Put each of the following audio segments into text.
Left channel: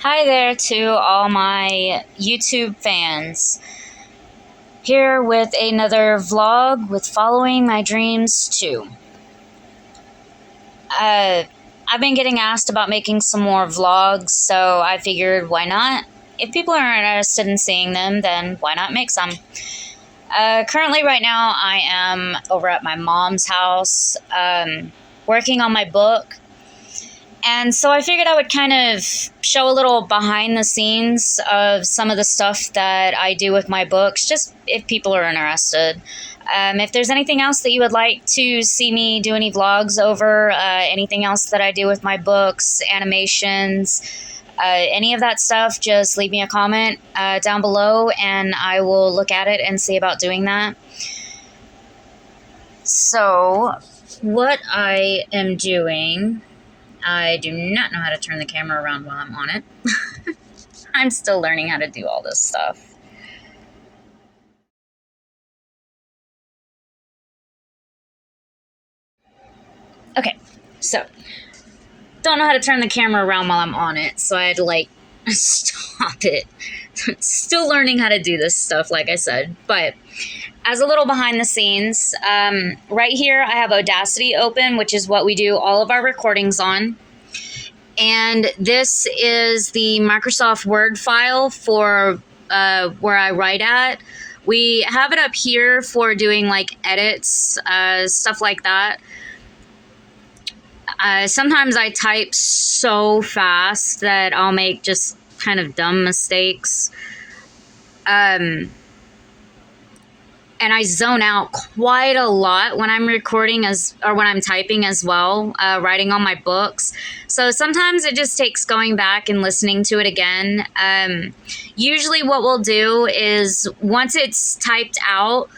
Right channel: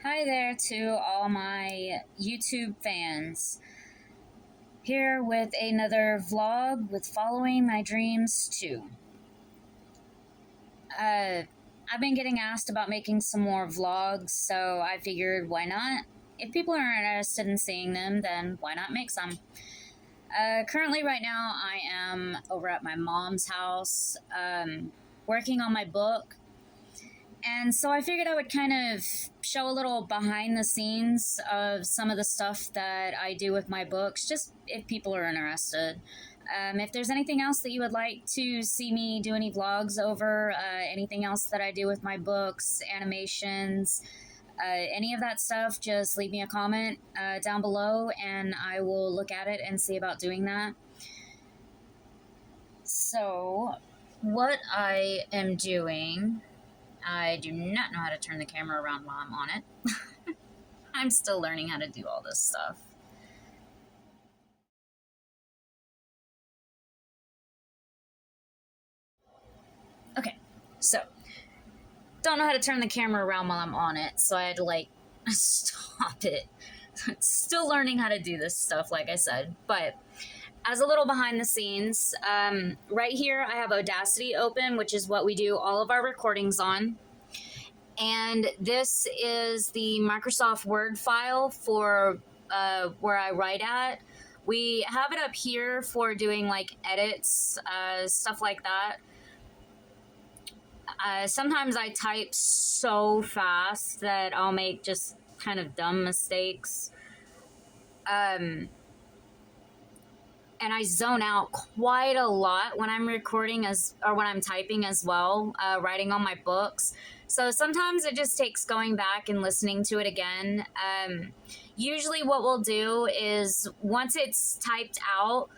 Hi there to all my YouTube fans. Here with another vlog with Following My Dreams 2. I've been getting asked about making some more vlogs, so I figured why not? If people are interested in seeing them, then why not make some? Currently right now I am over at my mom's house, working on my book. And so I figured I would kind of show a little behind the scenes of some of the stuff that I do with my books, just if people are interested. If there's anything else that you would like to see me do any vlogs over, anything else that I do with my books, animations, any of that stuff, just leave me a comment down below and I will look at it and see about doing that. So, what I am doing... I do not know how to turn the camera around while I'm on it. I'm still learning how to do all this stuff. Okay, so don't know how to turn the camera around while I'm on it, so I had to like stop it. Still learning how to do this stuff, like I said. But as a little behind the scenes, right here I have Audacity open, which is what we do all of our recordings on. And this is the Microsoft Word file for where I write at. We have it up here for doing like edits, stuff like that. Sometimes I type so fast that I'll make just kind of dumb mistakes. And I zone out quite a lot when I'm recording or when I'm typing as well, writing on my books. So sometimes it just takes going back and listening to it again. Usually what we'll do is once it's typed out,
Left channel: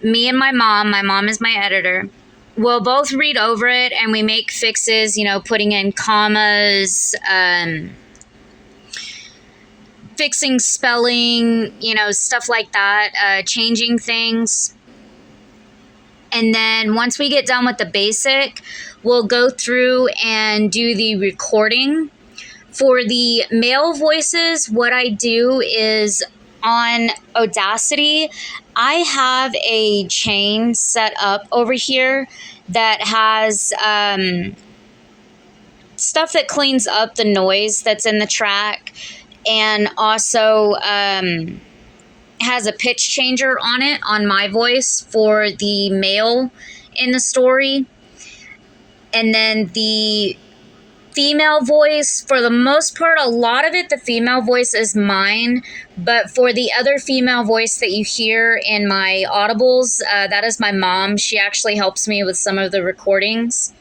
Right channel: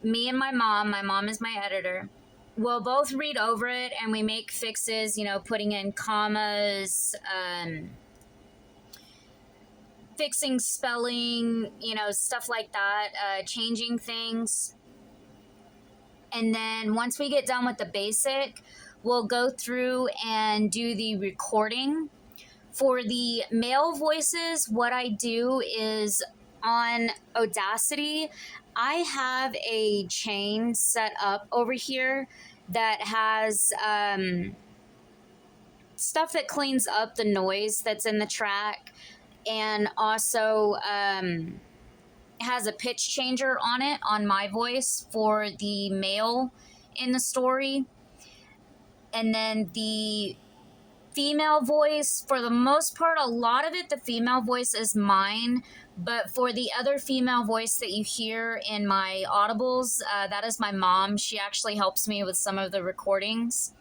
me and my mom is my editor, we'll both read over it and we make fixes, you know, putting in commas, fixing spelling, you know, stuff like that, changing things. And then once we get done with the basic, we'll go through and do the recording. For the male voices, what I do is on Audacity, I have a chain set up over here that has stuff that cleans up the noise that's in the track, and also has a pitch changer on it on my voice for the male in the story. And then the female voice, for the most part, a lot of it, the female voice is mine, but for the other female voice that you hear in my audibles, that is my mom. She actually helps me with some of the recordings.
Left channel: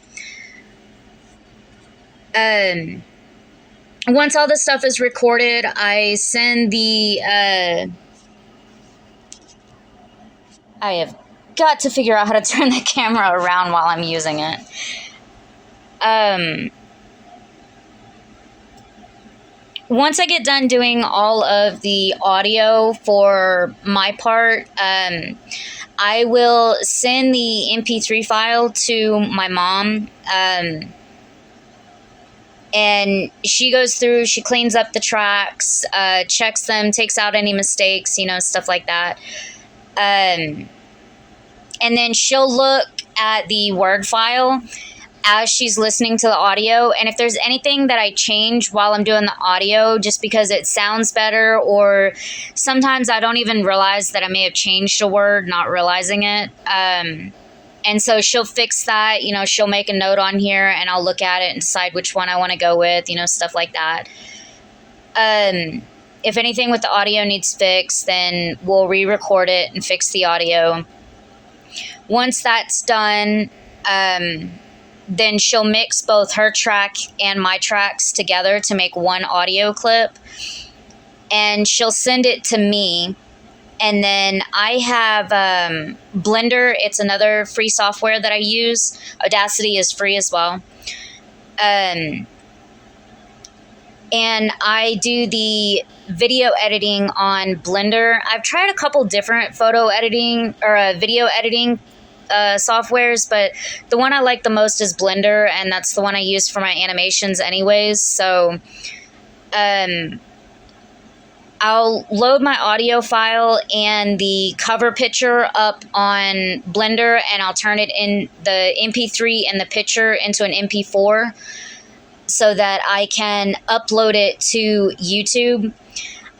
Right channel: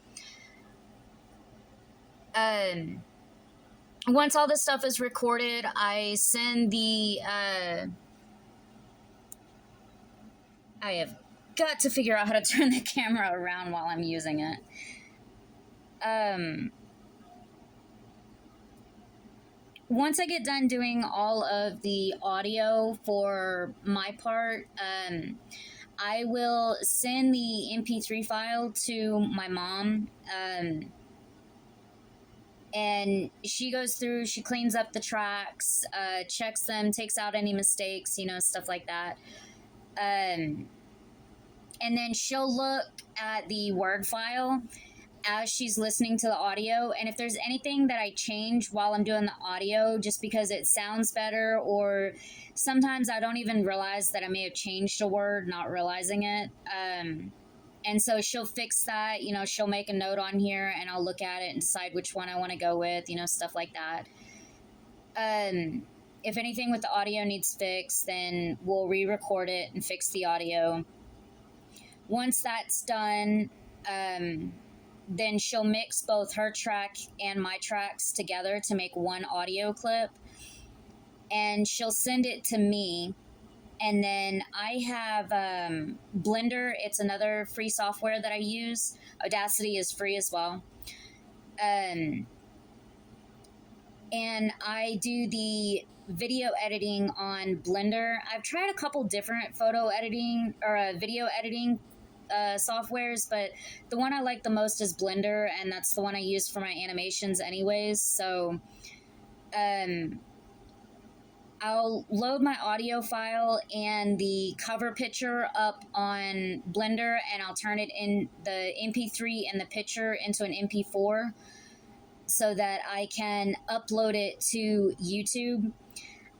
Once all this stuff is recorded, I send the, I have got to figure out how to turn the camera around while I'm using it. Once I get done doing all of the audio for my part, I will send the MP3 file to my mom, and she goes through, she cleans up the tracks, checks them, takes out any mistakes, you know, stuff like that. And then she'll look at the Word file as she's listening to the audio, and if there's anything that I change while I'm doing the audio just because it sounds better, or sometimes I don't even realize that I may have changed a word, not realizing it. And so she'll fix that, you know, she'll make a note on here and I'll look at it and decide which one I want to go with, you know, stuff like that. If anything with the audio needs fixed, then we'll re-record it and fix the audio. Once that's done, then she'll mix both her track and my tracks together to make one audio clip. And she'll send it to me. And then I have Blender. It's another free software that I use. Audacity is free as well. And I do the video editing on Blender. I've tried a couple different photo editing or video editing softwares, but the one I like the most is Blender, and that's the one I use for my animations anyways. So I'll load my audio file and the cover picture up on Blender, and I'll turn it in the MP3 and the picture into an MP4 so that I can upload it to YouTube.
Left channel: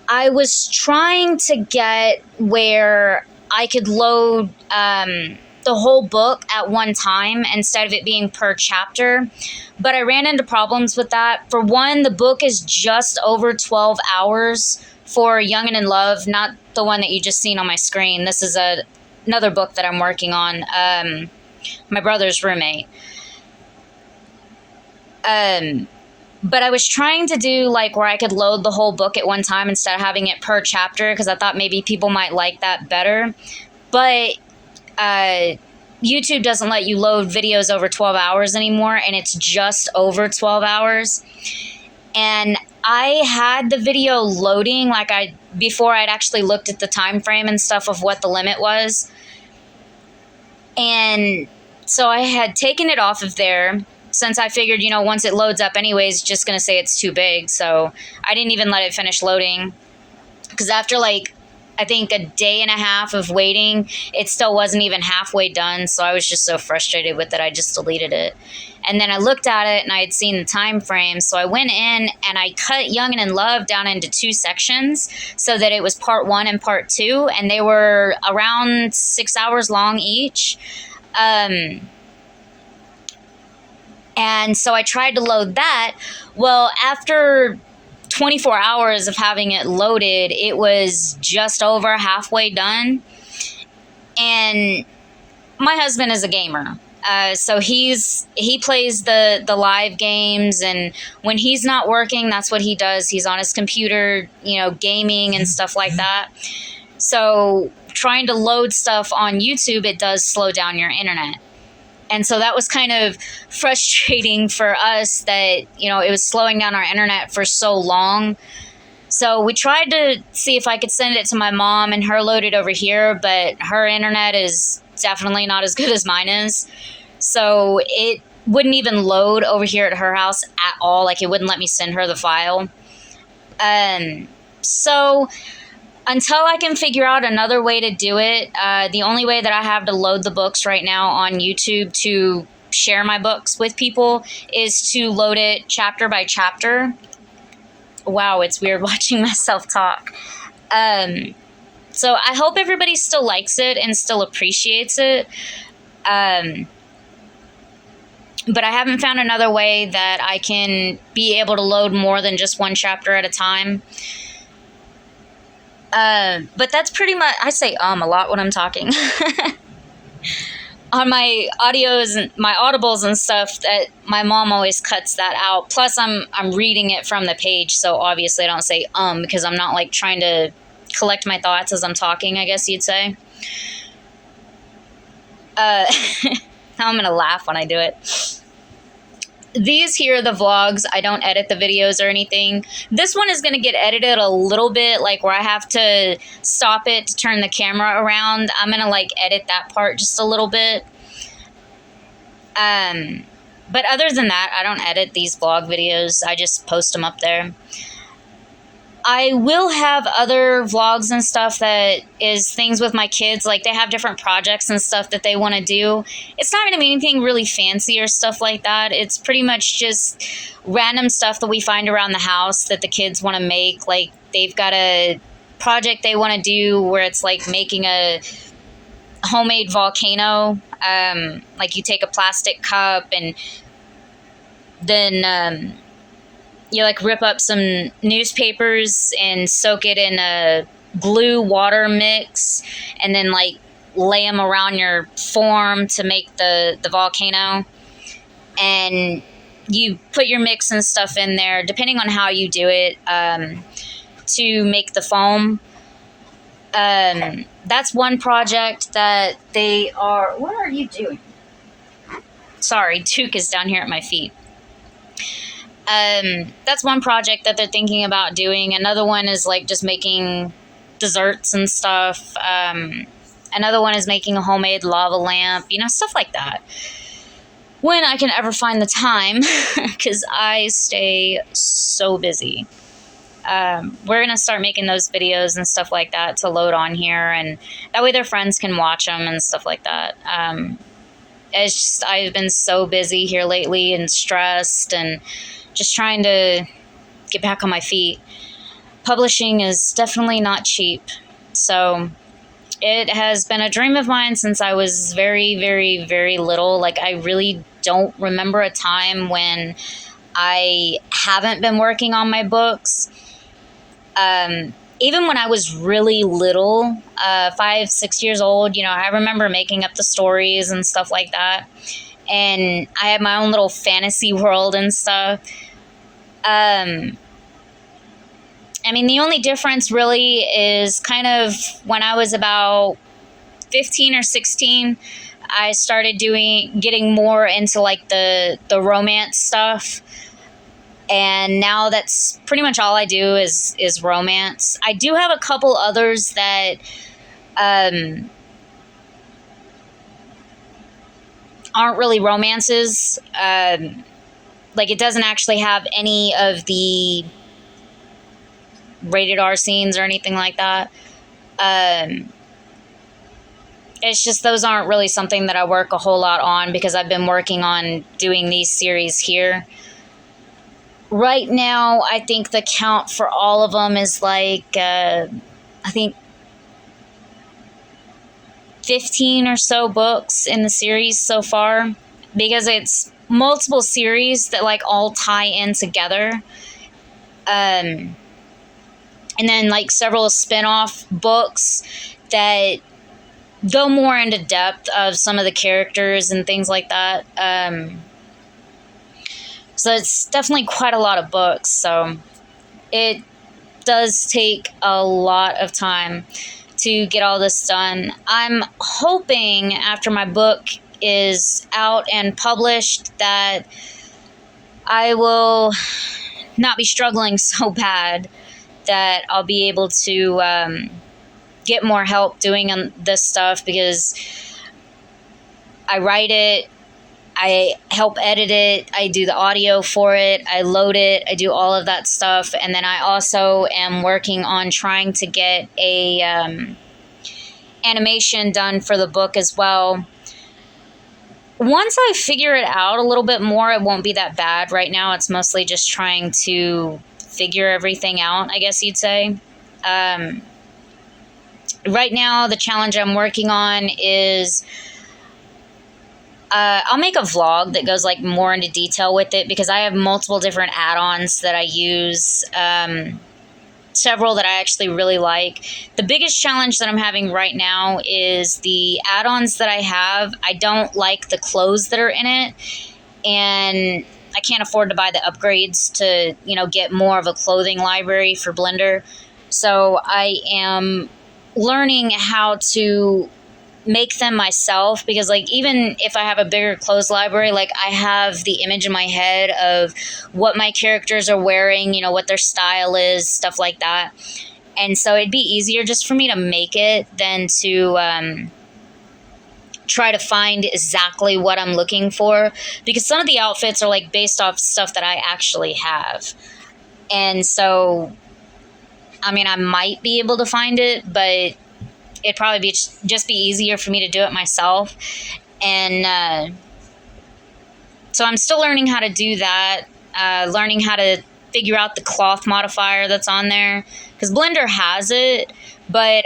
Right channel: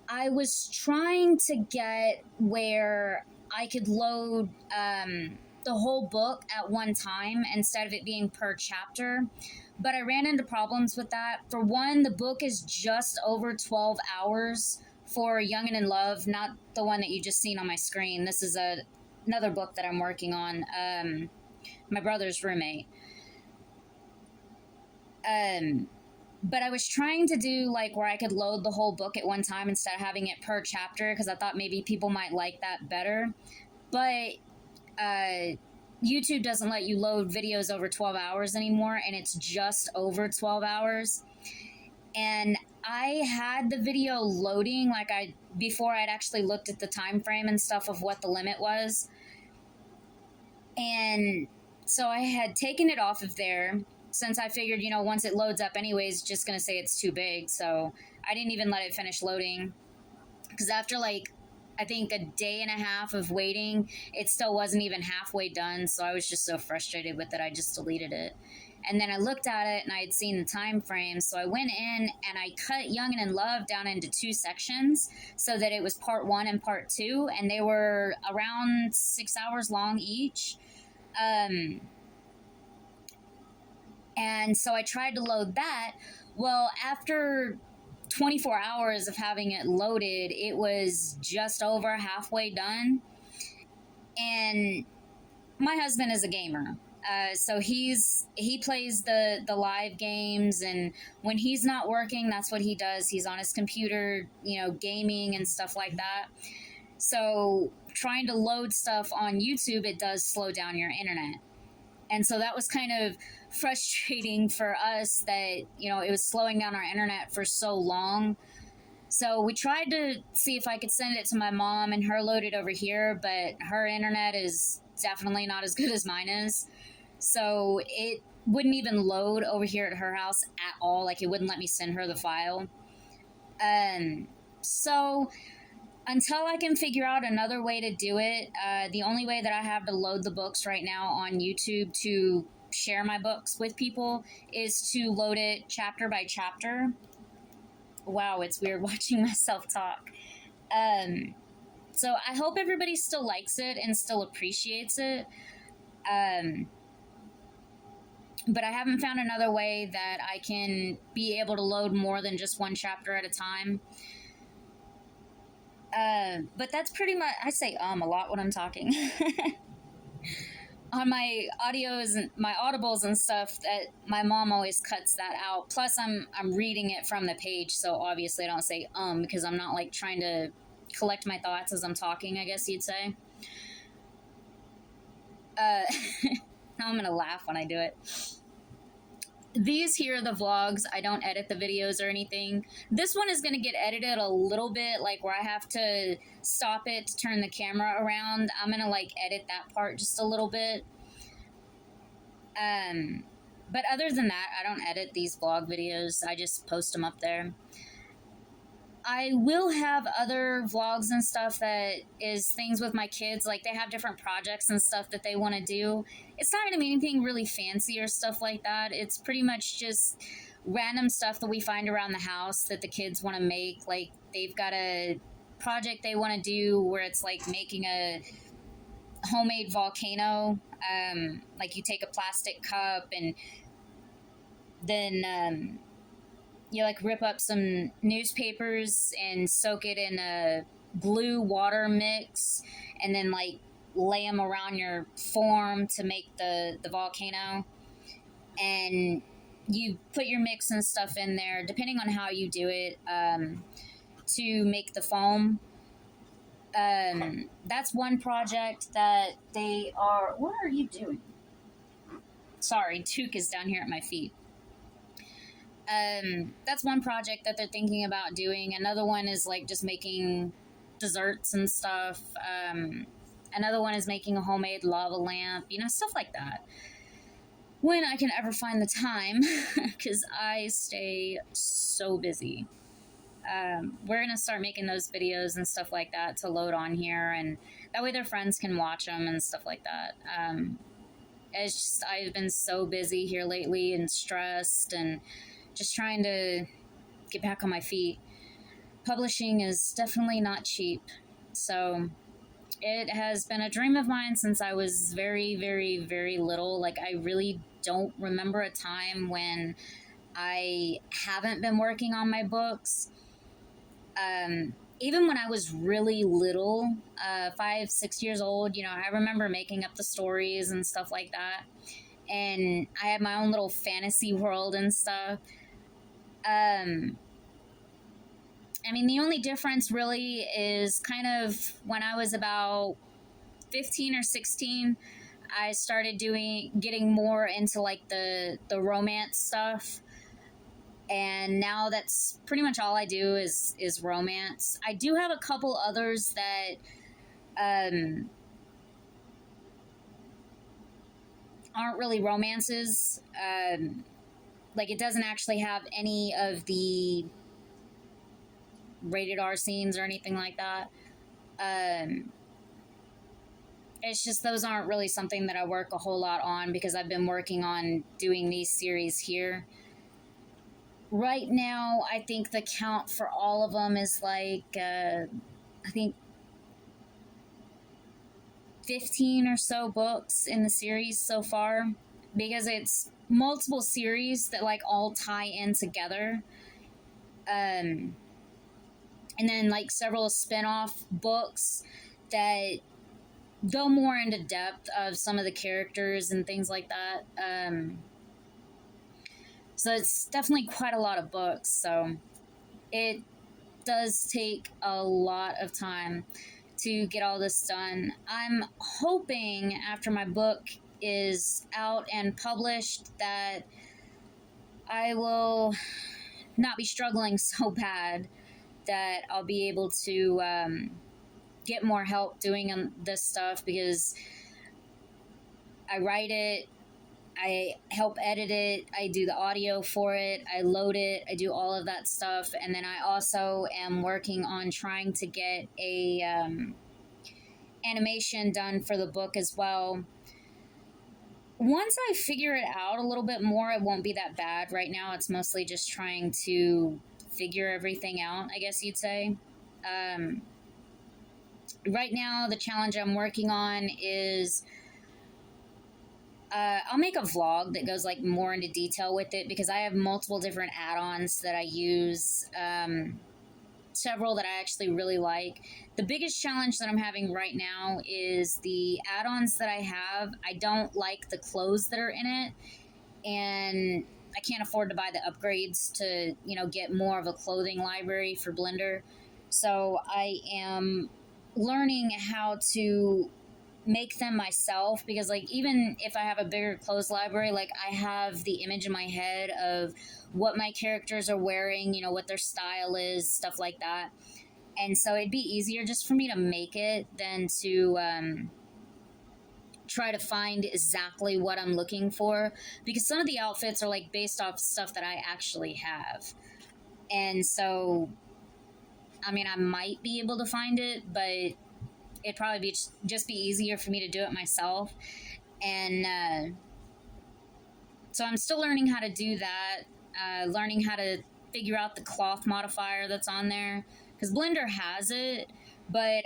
I was trying to get where I could load the whole book at one time instead of it being per chapter, but I ran into problems with that. For one, the book is just over 12 hours for Young and in Love, not the one that you just seen on my screen. This is another book that I'm working on, my brother's roommate. But I was trying to do like where I could load the whole book at one time instead of having it per chapter, because I thought maybe people might like that better. But YouTube doesn't let you load videos over 12 hours anymore, and it's just over 12 hours. And I had the video loading before I'd actually looked at the time frame and stuff of what the limit was. And so I had taken it off of there, since I figured, once it loads up anyways, it's just going to say it's too big. So I didn't even let it finish loading, because after I think a day and a half of waiting, it still wasn't even halfway done. So I was just so frustrated with it, I just deleted it. And then I looked at it and I had seen the time frame. So I went in and I cut Young and in Love down into 2 sections so that it was part 1 and part 2. And they were around 6 hours long each. And so I tried to load that. Well, after 24 hours of having it loaded, it was just over halfway done. And my husband is a gamer. So he plays the live games, and when he's not working, that's what he does. He's on his computer, gaming and stuff like that. So trying to load stuff on YouTube, it does slow down your internet. And so that was kind of frustrating for us that, it was slowing down our internet for so long. So we tried to see if I could send it to my mom and her load it over here, but her internet is definitely not as good as mine is. So it wouldn't even load over here at her house at all. It wouldn't let me send her the file. So until I can figure out another way to do it, the only way that I have to load the books right now on YouTube to share my books with people is to load it chapter by chapter. Wow, it's weird watching myself talk. So I hope everybody still likes it and still appreciates it. But I haven't found another way that I can be able to load more than just one chapter at a time. But that's pretty much, I say a lot when I'm talking. On my audios and my audibles and stuff, that my mom always cuts that out. Plus I'm reading it from the page, so obviously I don't say because I'm not trying to collect my thoughts as I'm talking, I guess you'd say. Now I'm gonna laugh when I do it. These here are the vlogs. I don't edit the videos or anything. This one is going to get edited a little bit, where I have to stop it to turn the camera around. I'm going to edit that part just a little bit. But other than that, I don't edit these vlog videos. I just post them up there. I will have other vlogs and stuff that is things with my kids. They have different projects and stuff that they want to do. It's not going to be anything really fancy or stuff like that. It's pretty much just random stuff that we find around the house that the kids want to make. They've got a project they want to do where it's making a homemade volcano. You take a plastic cup and then you rip up some newspapers and soak it in a glue water mix, and then lay them around your form to make the volcano. And you put your mix and stuff in there, depending on how you do it, to make the foam. That's one project that they are... What are you doing? Sorry, Duke is down here at my feet. That's one project that they're thinking about doing. Another one is just making desserts and stuff. Another one is making a homemade lava lamp, you know, stuff like that. When I can ever find the time, because I stay so busy. We're going to start making those videos and stuff like that to load on here, and that way their friends can watch them and stuff like that. It's just, I've been so busy here lately and stressed and just trying to get back on my feet. Publishing is definitely not cheap. So it has been a dream of mine since I was very, very, very little. Like, I really don't remember a time when I haven't been working on my books. Even when I was really little, 5, 6 years old, you know, I remember making up the stories and stuff like that. And I had my own little fantasy world and stuff. I mean, the only difference really is kind of when I was about 15 or 16, I started getting more into like the romance stuff. And now that's pretty much all I do is romance. I do have a couple others that aren't really romances. Like, it doesn't actually have any of the rated R scenes or anything like that. It's just those aren't really something that I work a whole lot on because I've been working on doing these series here. Right now, I think the count for all of them is like, I think 15 or so books in the series so far, because it's multiple series that like all tie in together. And then like several spin-off books that go more into depth of some of the characters and things like that. So it's definitely quite a lot of books. So it does take a lot of time to get all this done. I'm hoping after my book is out and published that I will not be struggling so bad that I'll be able to get more help doing this stuff, because I write it, I help edit it, I do the audio for it, I load it, I do all of that stuff, and then I also am working on trying to get a animation done for the book as well. Once I figure it out a little bit more, it won't be that bad. Right now, it's mostly just trying to figure everything out, I guess you'd say. Right now, the challenge I'm working on is I'll make a vlog that goes like more into detail with it, because I have multiple different add-ons that I use, several that I actually really like. The biggest challenge that I'm having right now is the add-ons that I have. I don't like the clothes that are in it, and I can't afford to buy the upgrades to, you know, get more of a clothing library for Blender. So I am learning how to make them myself, because like even if I have a bigger clothes library, like I have the image in my head of what my characters are wearing, you know, what their style is, stuff like that. And so it'd be easier just for me to make it than to try to find exactly what I'm looking for, because some of the outfits are like based off stuff that I actually have. And so I mean, I might be able to find it, but it'd probably just be easier for me to do it myself. And so I'm still learning how to do that, learning how to figure out the cloth modifier that's on there, because Blender has it, but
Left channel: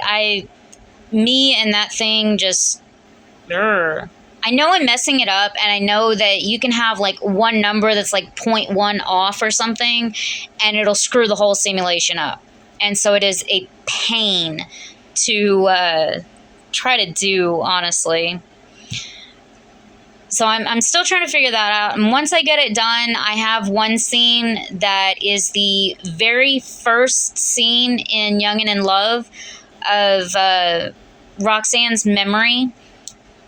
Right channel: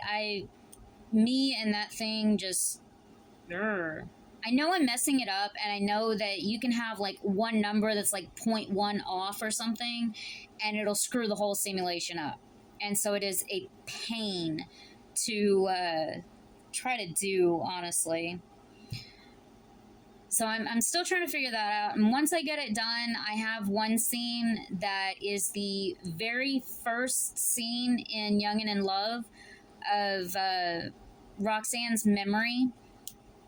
me and that thing just, I know I'm messing it up, and I know that you can have like one number that's like 0.1 off or something, and it'll screw the whole simulation up. And so it is a pain to try to do, honestly. So I'm still trying to figure that out. And once I get it done, I have one scene that is the very first scene in Young and in Love of Roxanne's memory.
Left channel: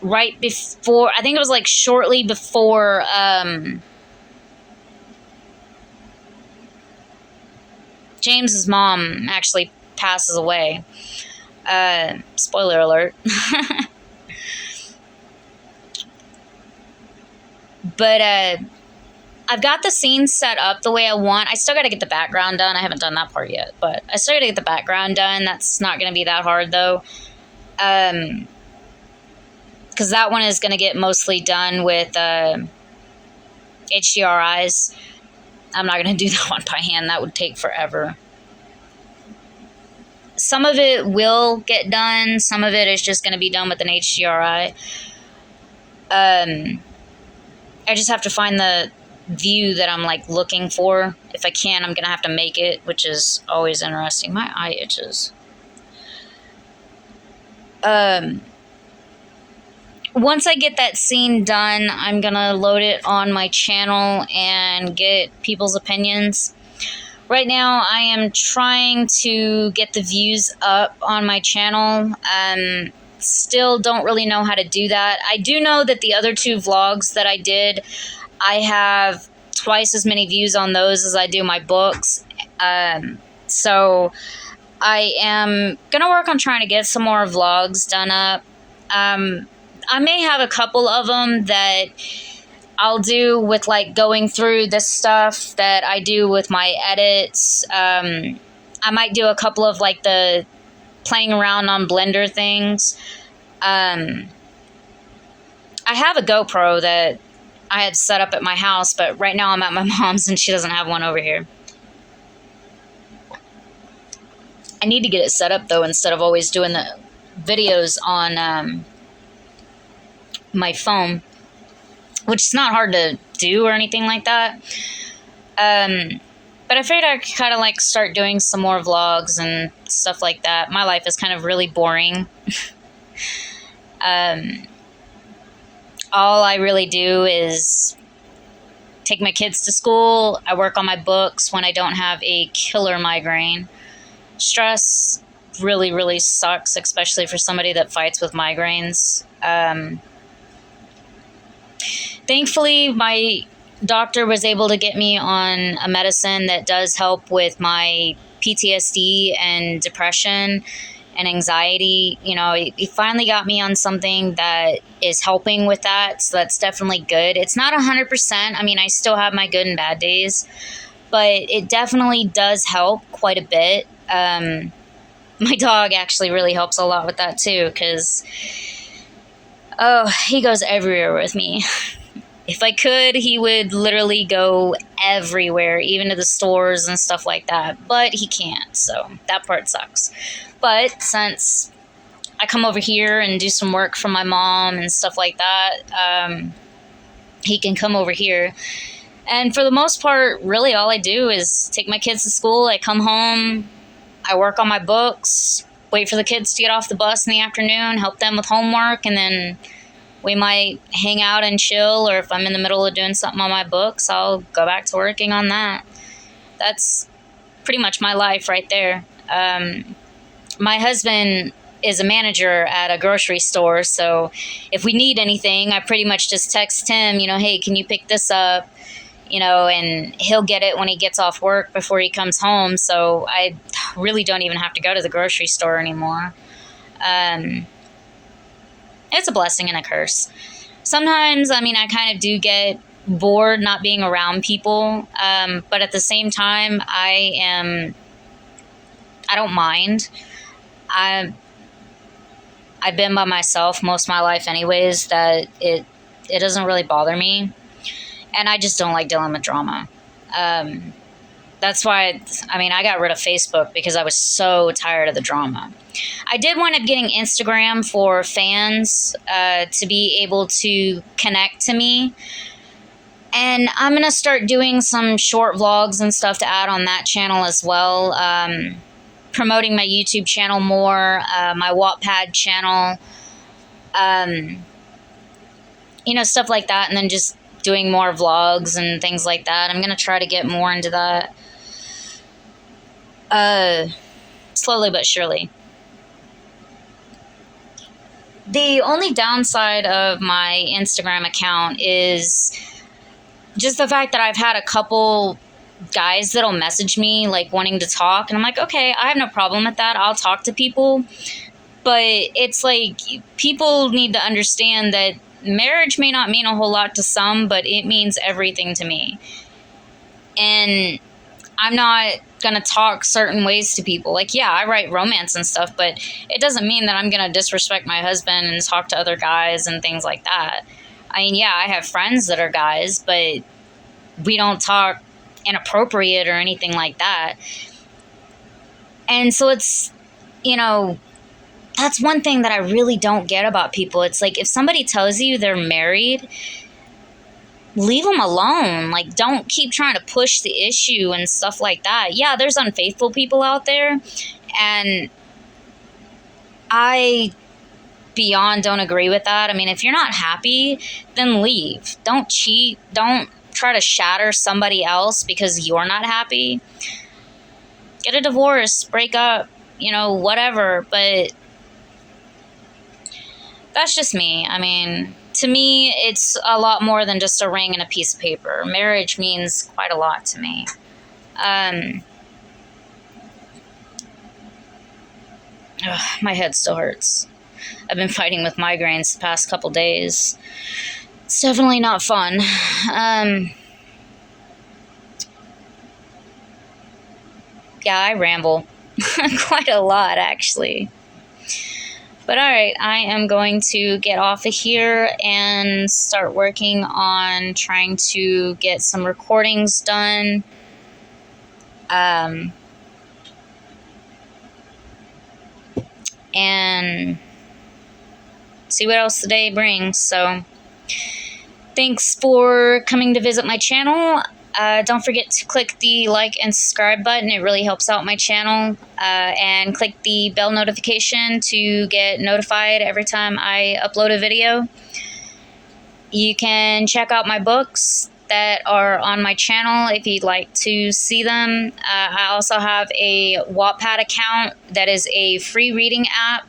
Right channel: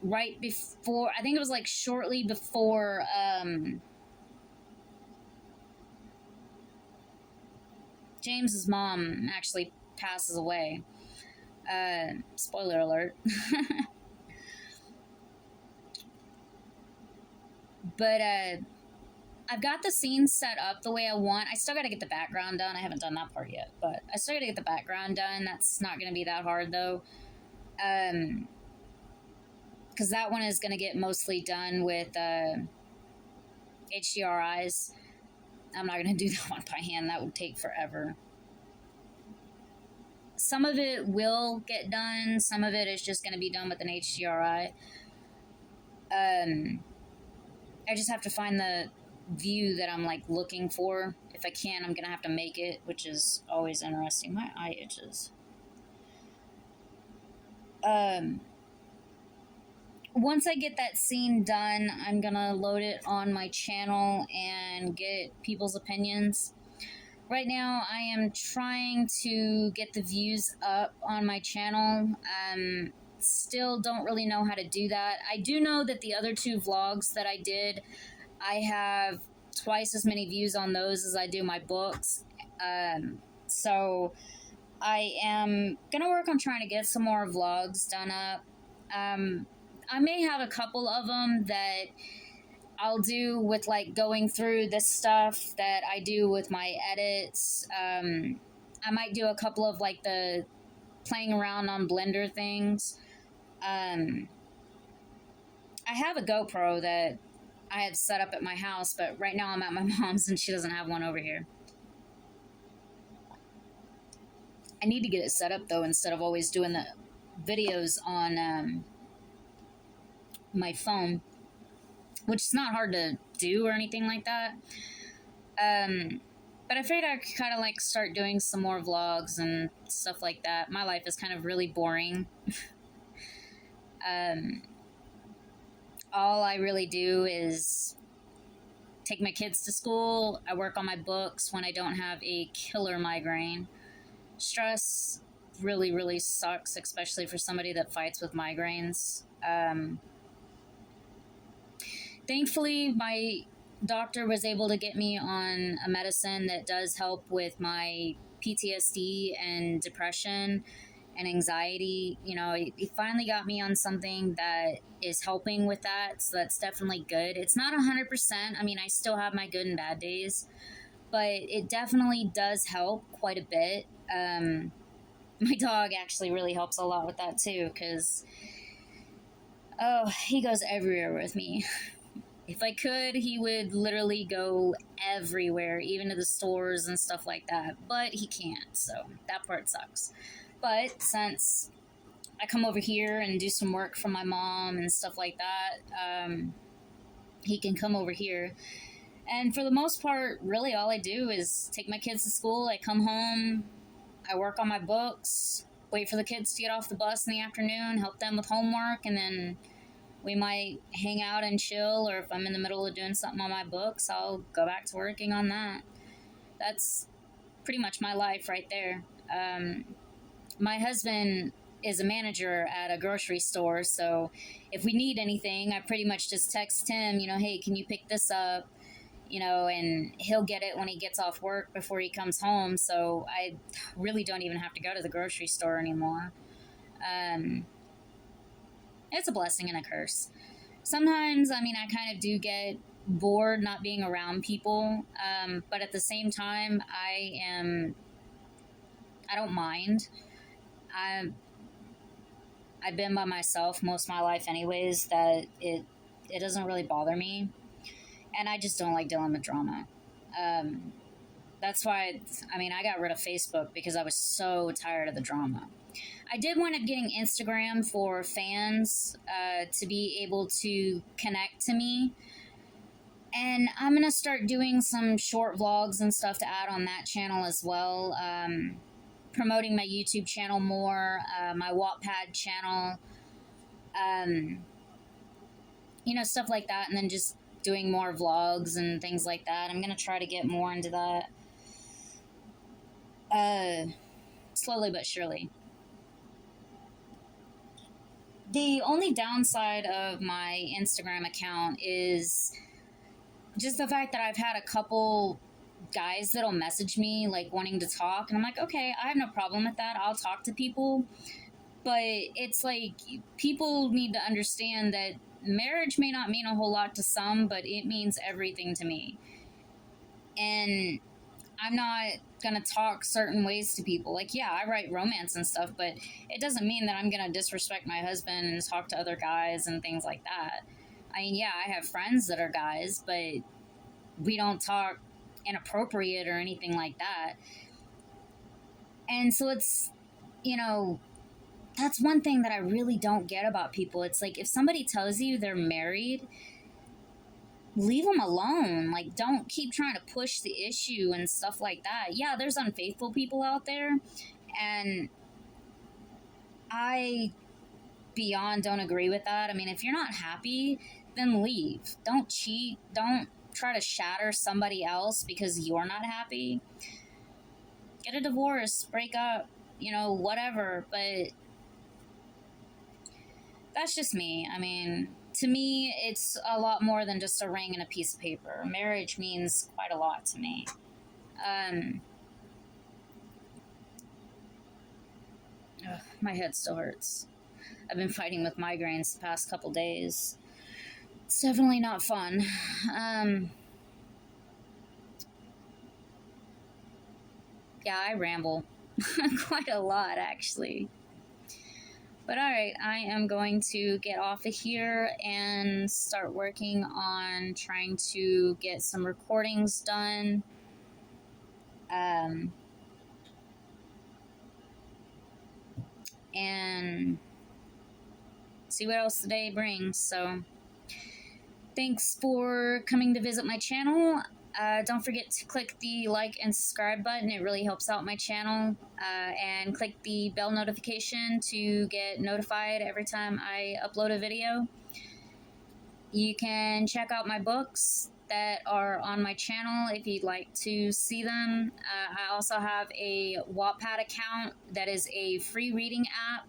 Right before, I think it was like shortly before James's mom actually passes away. Spoiler alert. But I've got the scene set up the way I want. I still got to get the background done. I haven't done that part yet, but I still got to get the background done. That's not going to be that hard, though. Because that one is going to get mostly done with HDRIs. I'm not going to do that one by hand. That would take forever. Some of it will get done. Some of it is just going to be done with an HDRI. I just have to find the view that I'm like looking for. If I can, I'm going to have to make it, which is always interesting. My eye itches. Once I get that scene done, I'm going to load it on my channel and get people's opinions. Right now, I am trying to get the views up on my channel. Still don't really know how to do that. I do know that the other 2 vlogs that I did, I have twice as many views on those as I do my books. So I am going to work on trying to get some more vlogs done up. I may have a couple of them that I'll do with like going through this stuff that I do with my edits. I might do a couple of like the playing around on Blender things. I have a GoPro that I had set up at my house, but right now I'm at my mom's and she doesn't have one over here. I need to get it set up though, instead of always doing the videos on my phone, which is not hard to do or anything like that. But I figured I'd kind of like start doing some more vlogs and stuff like that. My life is kind of really boring. All I really do is take my kids to school. I work on my books when I don't have a killer migraine. Stress really, really sucks, especially for somebody that fights with migraines. Thankfully, my doctor was able to get me on a medicine that does help with my PTSD and depression and anxiety. You know, he finally got me on something that is helping with that, so that's definitely good. It's not 100%. I mean, I still have my good and bad days, but it definitely does help quite a bit. My dog actually really helps a lot with that too, because, oh, he goes everywhere with me. If I could, he would literally go everywhere, even to the stores and stuff like that. But he can't, so that part sucks. But since I come over here and do some work for my mom and stuff like that, he can come over here. And for the most part, really all I do is take my kids to school. I come home, I work on my books, wait for the kids to get off the bus in the afternoon, help them with homework, and then we might hang out and chill, or if I'm in the middle of doing something on my books, I'll go back to working on that. That's pretty much my life right there. My husband is a manager at a grocery store, so if we need anything, I pretty much just text him, you know, hey, can you pick this up? You know, and he'll get it when he gets off work before he comes home, so I really don't even have to go to the grocery store anymore. It's a blessing and a curse. Sometimes, I mean, I kind of do get bored not being around people, but at the same time, I don't mind. I've been by myself most of my life anyways, that it doesn't really bother me, and I just don't like dealing with drama. That's why, I mean, I got rid of Facebook because I was so tired of the drama. I did wind up getting Instagram for fans to be able to connect to me. And I'm going to start doing some short vlogs and stuff to add on that channel as well. Promoting my YouTube channel more, my Wattpad channel, you know, stuff like that. And then just doing more vlogs and things like that. I'm going to try to get more into that. Slowly but surely. The only downside of my Instagram account is just the fact that I've had a couple guys that'll message me like wanting to talk, and I'm like, okay, I have no problem with that. I'll talk to people, But it's like people need to understand that marriage may not mean a whole lot to some, but it means everything to me. And I'm not gonna talk certain ways to people. Like, yeah, I write romance and stuff, but it doesn't mean that I'm gonna disrespect my husband and talk to other guys and things like that. I mean, yeah, I have friends that are guys, but we don't talk inappropriate or anything like that. And so it's, that's one thing that I really don't get about people. It's like, if somebody tells you they're married, leave them alone. Like, don't keep trying to push the issue and stuff like that. Yeah, there's unfaithful people out there, and I beyond don't agree with that. I mean, if you're not happy, then leave. Don't cheat. Don't try to shatter somebody else because you're not happy. Get a divorce, break up, whatever. But that's just me. I mean, to me, it's a lot more than just a ring and a piece of paper. Marriage means quite a lot to me. My head still hurts. I've been fighting with migraines the past couple days. It's definitely not fun. Yeah, I ramble quite a lot, actually. But all right, I am going to get off of here and start working on trying to get some recordings done. And see what else the day brings. So thanks for coming to visit my channel. Don't forget to click the like and subscribe button. It really helps out my channel. And click the bell notification to get notified every time I upload a video. You can check out my books that are on my channel if you'd like to see them. I also have a Wattpad account that is a free reading app.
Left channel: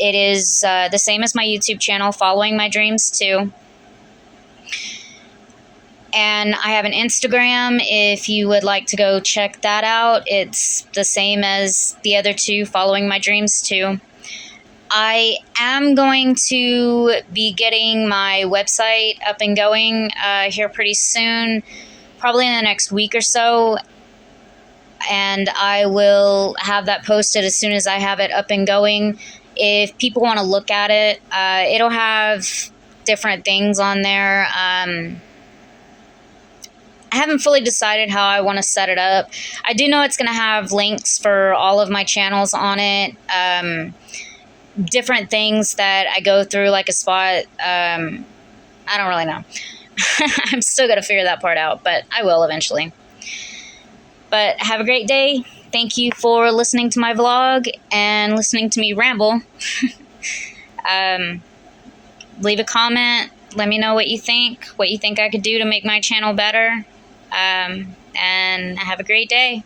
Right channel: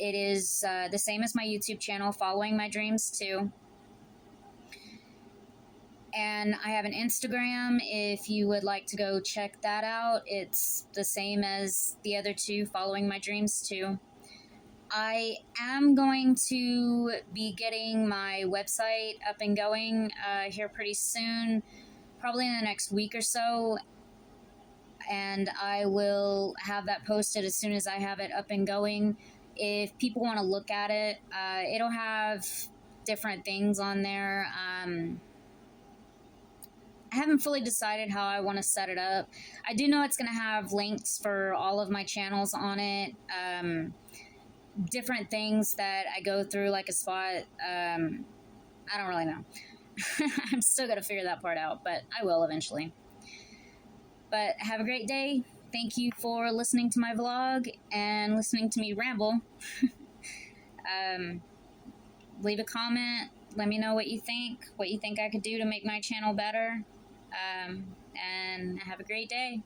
It is the same as my YouTube channel, Following My Dreams too. And I have an Instagram if you would like to go check that out. It's the same as the other two, Following My Dreams too. I am going to be getting my website up and going here pretty soon, probably in the next week or so. And I will have that posted as soon as I have it up and going. If people want to look at it, it'll have different things on there. I haven't fully decided how I want to set it up. I do know it's going to have links for all of my channels on it. Different things that I go through, like a spot. I don't really know. I'm still going to figure that part out, but I will eventually. But have a great day. Thank you for listening to my vlog and listening to me ramble. Leave a comment. Let me know what you think I could do to make my channel better. And have a great day.